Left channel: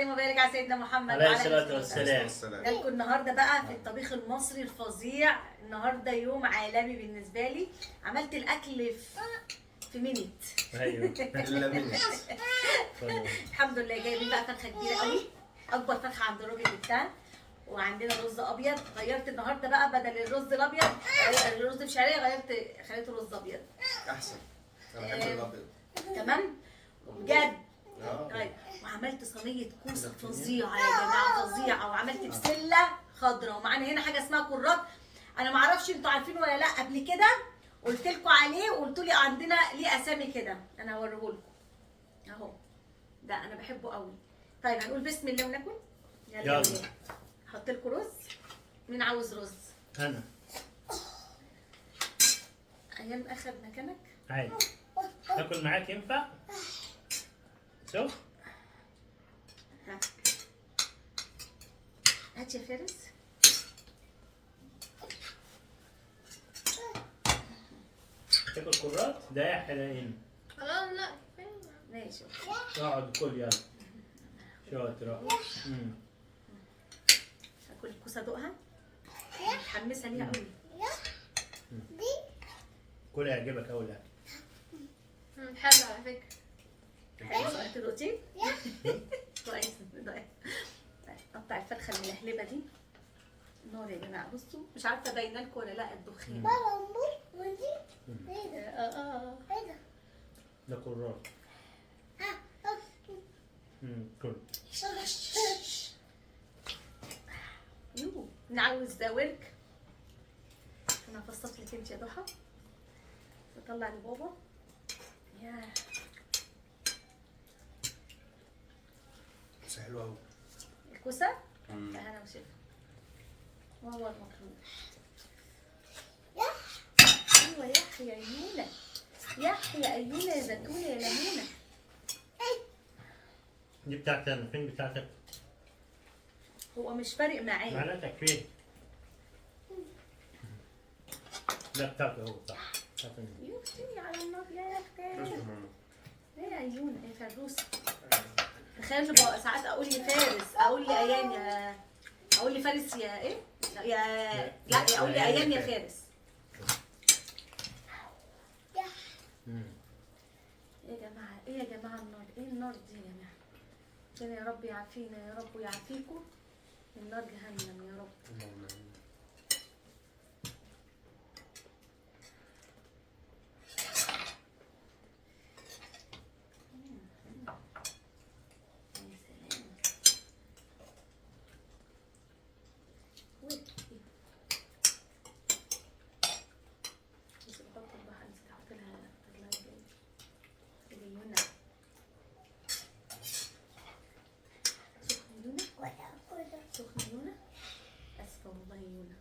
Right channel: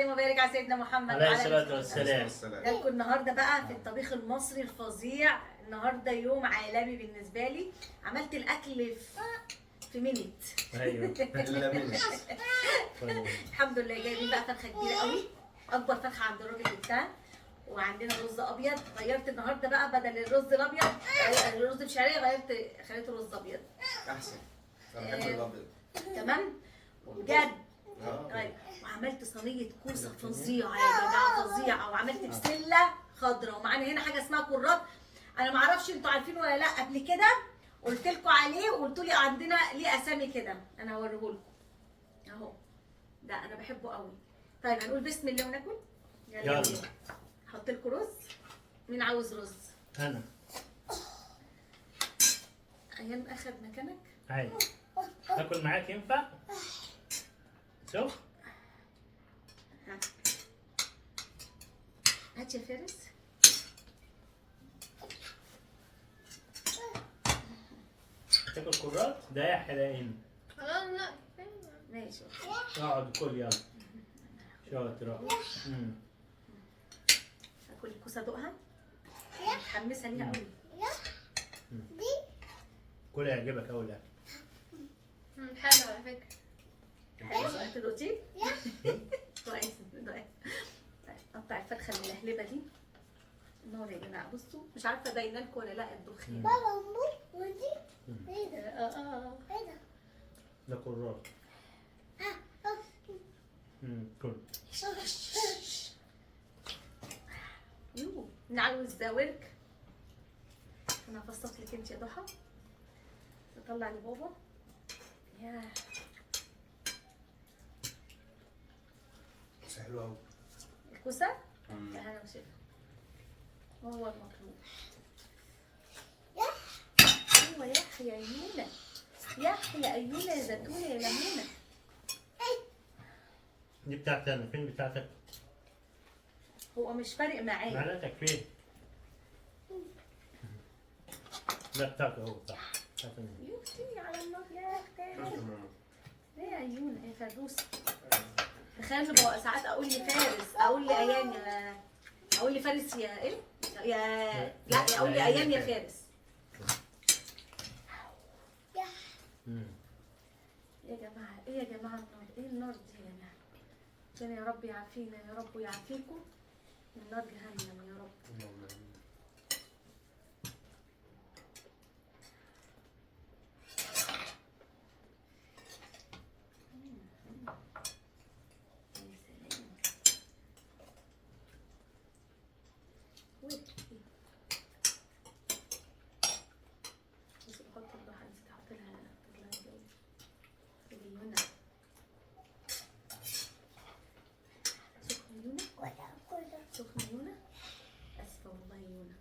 وسلم وبارك على سيدنا محمد عليه وعلى الصلاة آله والسلام. وصحبه. جالكم النهارده بقى في الطبيخ المصري الفظيع. النهارده يوم عالمي بالنسبه لي. عملت الاكل في مينيت. ايوه الحمد لله. جايبين بقى فرخه كبيره قوي، اكبر فرخه عند الراجل بتاعنا، وعندنا رز ابيض. غيرت النهارده بقى بدل الرز الابيض الرز بشعريه، خليته رز ابيض احسن. انا بحب الابيض. تمام بجد. طيب وعملت صينيه كوسه فظيعه يا جماعه، فظيعه. وعملت بسله خضراء، ومعانا هنا حاجه اسمها كرات. انا ما اعرفش انتوا عارفينه ولا لا. قبل كده قلت لكم عليه وقلتوا لي عندنا ليه اسامي كده. انا هوريه لكم اهو. ده انا بحبه قوي. طيب هنقول بسم الله وناكل. يلا. احط لكم رز. مين عاوز رز؟ انا ايام اخد مكانك. عادي اكل معاك ينفع؟ شوف هات يا فارس. تاكل كرات ده يا حلاقين. خلاص لا ماشي. اقعد كل يلا شاطرة. هاكل الكوسه ادوقها. متحمسه ليها قوي. كل يعجبك اول لا. حلو على فكرة. حلو. انت دقتيه؟ كويس. قطع الفرخه الملهلبه دي. نار يا جماعه. بصوا مش عارفه باينه لكم ولا لا الدخان. ده كرات. كل يو نعوز ورك. انا هفصص لك انت يا ضحى. اطلع لبابا. ياه بس حلوه قوي. الكوسه. انا وشيف وهو المطلوب. ايوه يحيى ايونا. يحيى ايونا يا زيتونه يا ليمونه. دي بتاعتك انا. فين بتاعتك؟ هو مش فارق معايا. معناتك فين؟ لا بتاعته هو صح. بتاعته. يختي على النار يا اختي. ايه يا ايونا يا فروسه. تخيل بقى ساعات اقول لفارس، اقول لايان يا، اقول لفارس يا ايه يا، لا اقول لايان يا فارس. ايه يا جماعه، ايه يا جماعه النار، ايه النار دي يا جماعه. عشان يا رب يعافينا يا رب ويعافيكم. النار جهنم يا رب. سخنة يونا. اسفه والله يونا.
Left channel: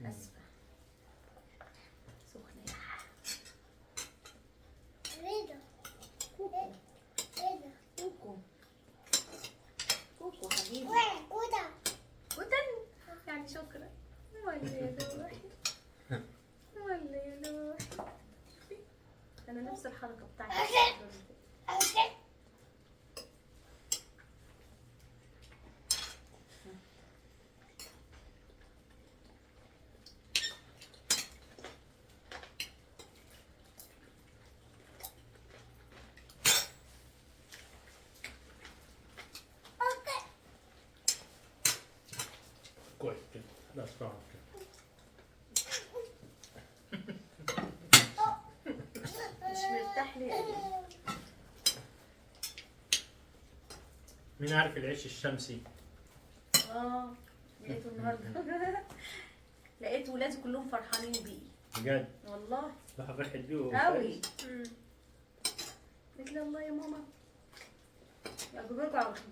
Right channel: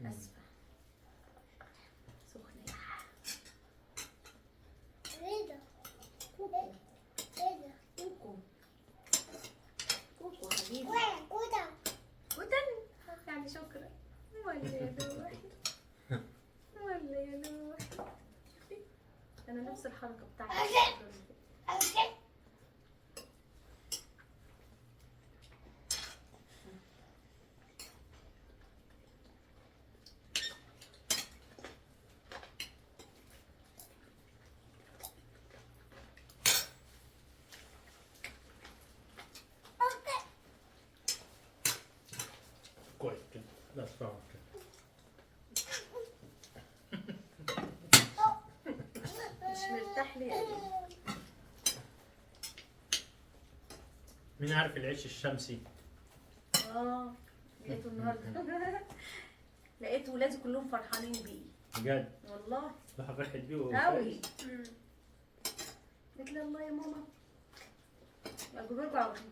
اسفه. سخنة يا كوكو. كوكو. كوكو حبيبي. ودن يعني شكرا. ولا يا روحي. ولا يا روحي. انا نفس الحركة بتاعتي. كويس كده. لا صراحة كده. مش مرتاح لي. مين عارف العيش الشمسي؟ لقيته النهارده. لقيت ولادي كلهم فرحانين بيه. بجد؟ والله راح فرحت بيه قوي. قلت له الله يا ماما اجيبلكوا على طول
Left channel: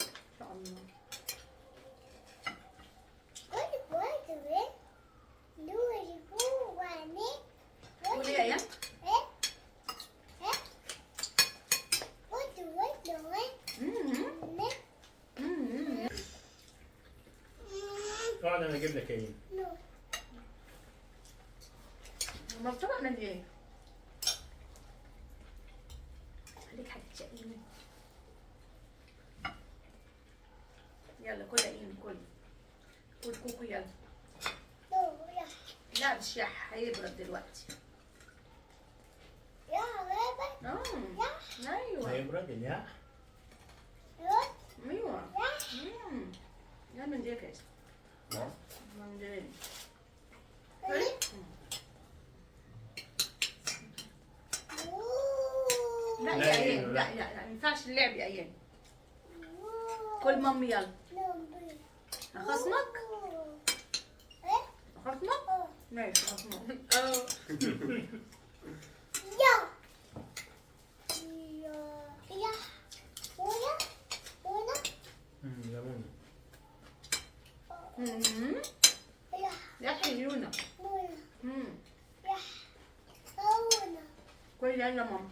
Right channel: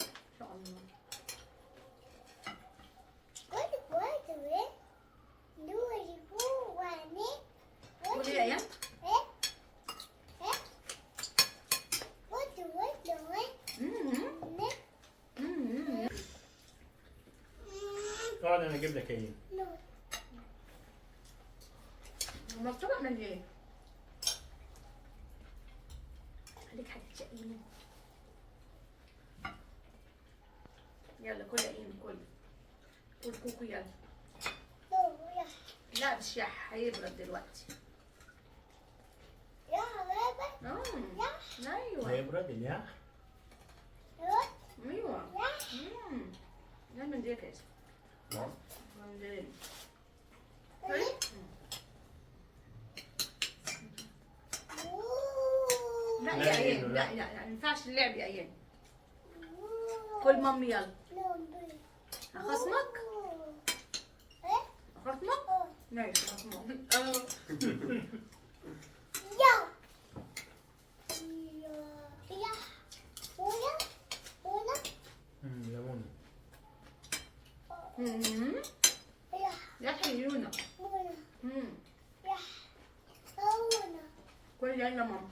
ان شاء الله. قولي يا ايام. اقعد انا اجيب لك ايه؟ مكتوبة من ايه؟ خليك هتتشقيني. يلا كل ايه كل كوكو يلا. لا مش يح، هيبرد دلوقتي. ايوه هيبرد الياح. ايوه. لا من دي كده. نعم. من دي. لا يا ايان، لا ما ينفعش اللعب يا ايان. كل مامي يلا. اخصمك؟ اخصمك؟ ماشي اخصمك. ليمون. يا حيونا. كل يلا ماما.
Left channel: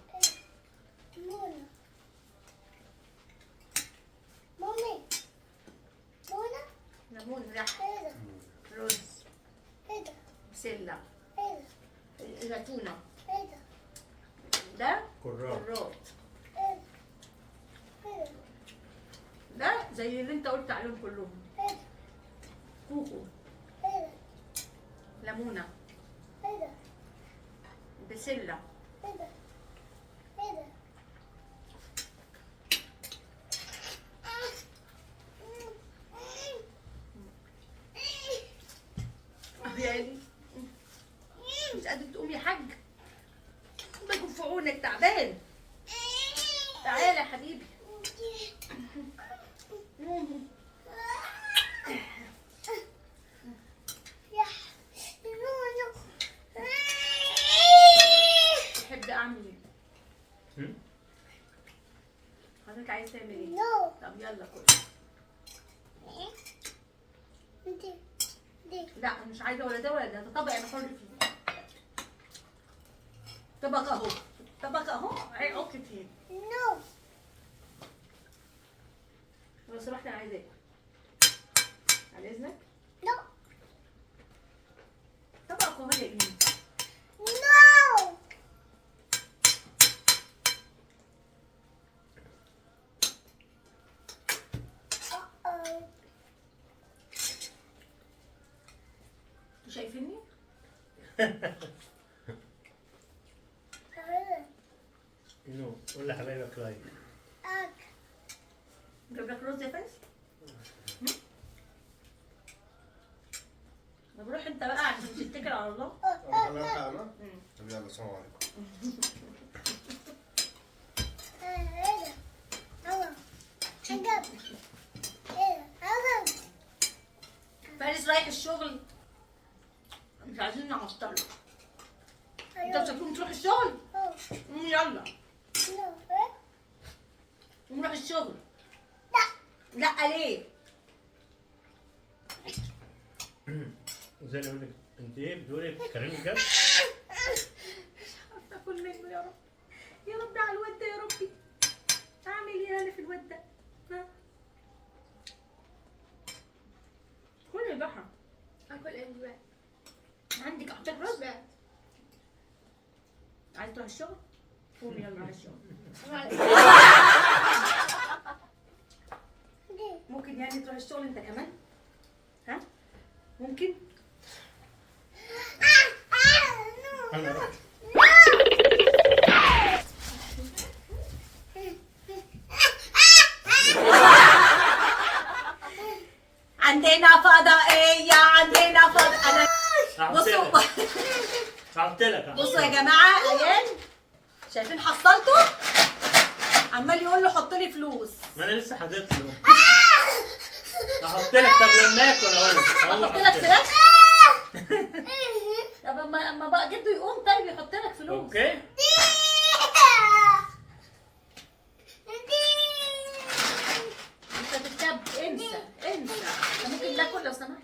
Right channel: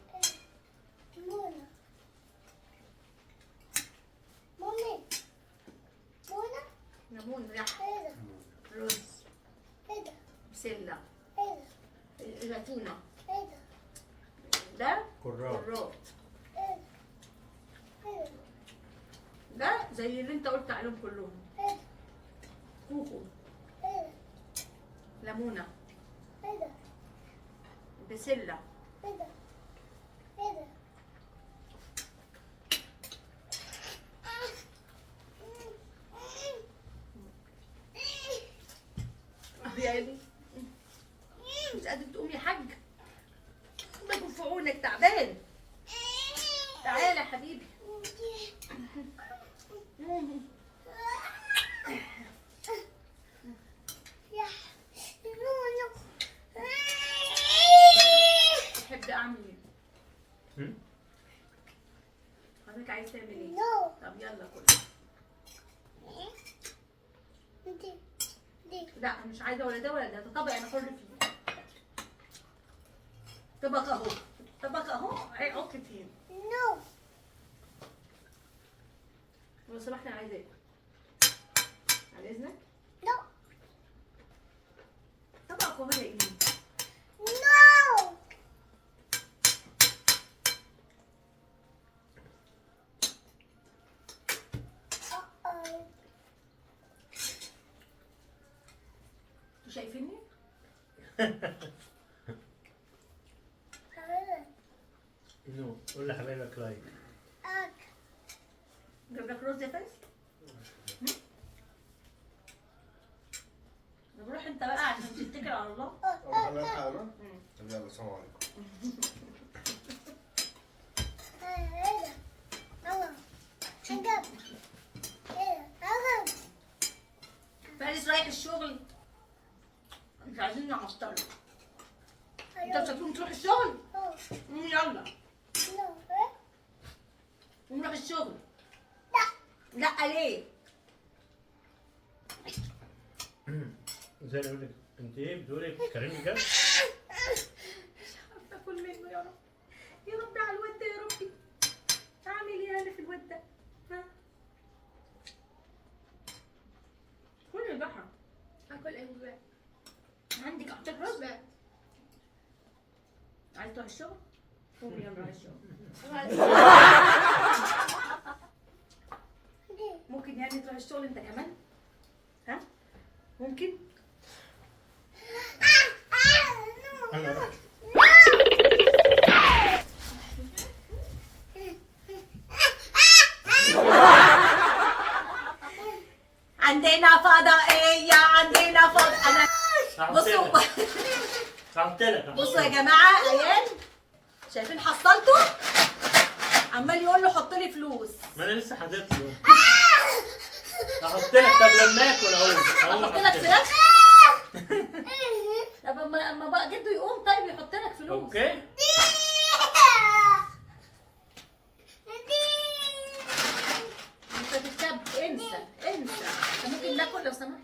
ليمون ريح. رز. بسلة. زيتونة. ده كرات. كرات. ده زي اللي انت قلت عليهم كلهم. كوكو. ليمونة. بسلة. يعني مش قادر تقوم يا حاج؟ الله يكون في عونك، تعبان. تعالى يا حبيبي. تحب اعمل ايه؟ حضرتك عايز تعمل ايه؟ طب يلا كل. لا مش عايزه ولا ده ولا ده، ده طبق انا حر فيه. طبق اهو، طبق اهو، هيحط فيه. لو سمحت انا عايزه اكل. على اذنك. طبق اهو يا ايمي. انتوا شايفيني؟ نو، قول لحبايبك لايك. جاب لك رز يا فارس؟ طب روح انت بقى عشان تتكل على الله. أنا يلا السلام عليكم. فارس رايح الشغل، مش عايزين نعطله. انت مش هتقوم تروح الشغل؟ يلا قوم نروح الشغل. لا ليه؟ زي ما اقول لك انت ايه بتقولي بتتكلمي بجد؟ مش عارفه اكل منه يا رب. يا ربي على الواد ده يا ربي. اعمل ايه انا في الواد ده؟ ها؟ كل يا ضحى. اكل ايه بقى؟ عندك احتاج رز؟ بقى. عايز تروح الشغل؟ قومي يلا على الشغل. ممكن يعني تروح الشغل انت كمان؟ ها؟ ممكن؟ انا رحت. عندنا فضائية، عندنا انا بصوا قلت لك بصوا يا جماعة، ايان شايفين حصلته؟ عمال يقول له حط لي فلوس. ما انا لسه حاطط له. احط لك. طب لما اكل اهو احط لك فراخ؟ طب اما بقى جده يقوم طيب يحط لك فلوس. اوكي. انت تتكب، انسى انسى. انت ممكن ناكل لو سمحت؟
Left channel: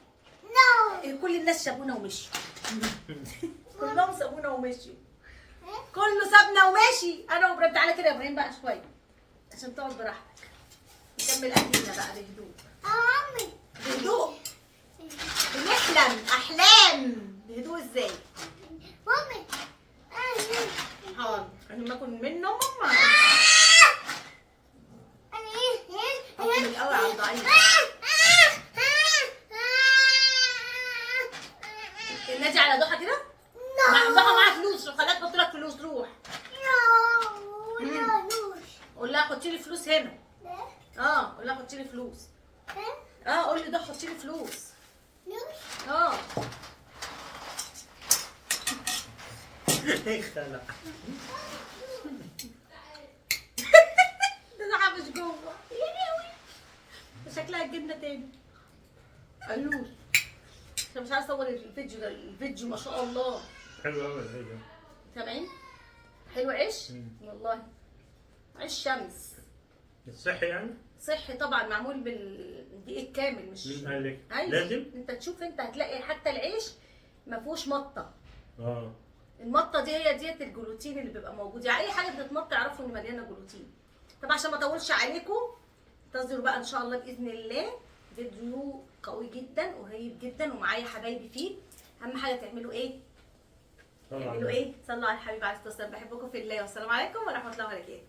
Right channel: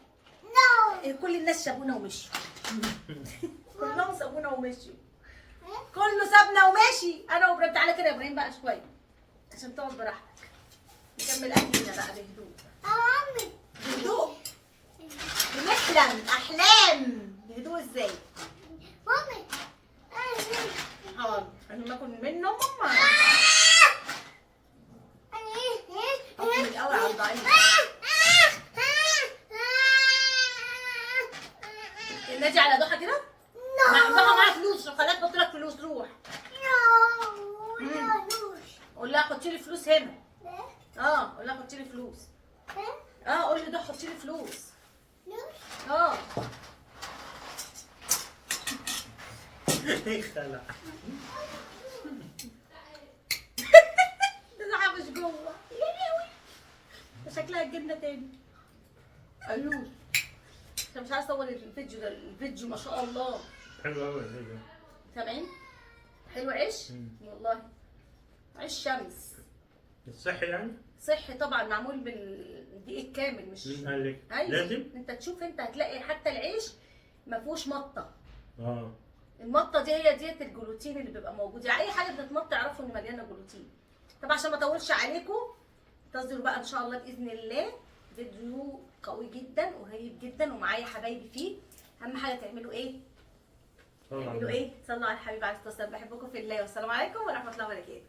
كل الناس سابونا ومشوا. كلهم سابونا ومشوا. كله سابنا وماشي. انا وابراهيم. تعالى كده يا ابراهيم بقى شويه عشان تقعد براحتك. نكمل اكلنا بقى بهدوء. بهدوء. بنحلم احلام. بهدوء ازاي؟ حاضر. انا ما اكل منه ماما. اكل الاول على الضعيف. قول لها حطي لي فلوس هنا. قول لها حطي لي فلوس. قول لي ده حطي لي فلوس. خلع. ده حابش جوه يا لهوي. شكلها الجبنه تاني. قالوش انا مش عايزه اصور الفيديو ده. الفيديو ما شاء الله حلو قوي الفيديو. سامعين؟ حلو عيش والله. عيش شمس الصحي يعني؟ صحي طبعا، معمول بالدقيق الكامل مش مين قال لك؟ ايوه لازم؟ انت تشوف، انت هتلاقي حتى العيش ما فيهوش مطه. اه المطه دي هي ديت الجلوتين اللي بيبقى موجود، يعني اي حاجه بتتمط اعرفوا ان مليانه جلوتين. طب عشان ما اطولش عليكم انتظروا بقى ان شاء الله باذن الله فيديو قوي جدا وهيب جدا ومعايا حبايبي فيه. اهم حاجه تعملوا ايه؟ تعملوا ايه؟ صلوا على الحبيب عليه الصلاه والسلام. بحبكم في الله والسلام عليكم ورحمه الله وبركاته.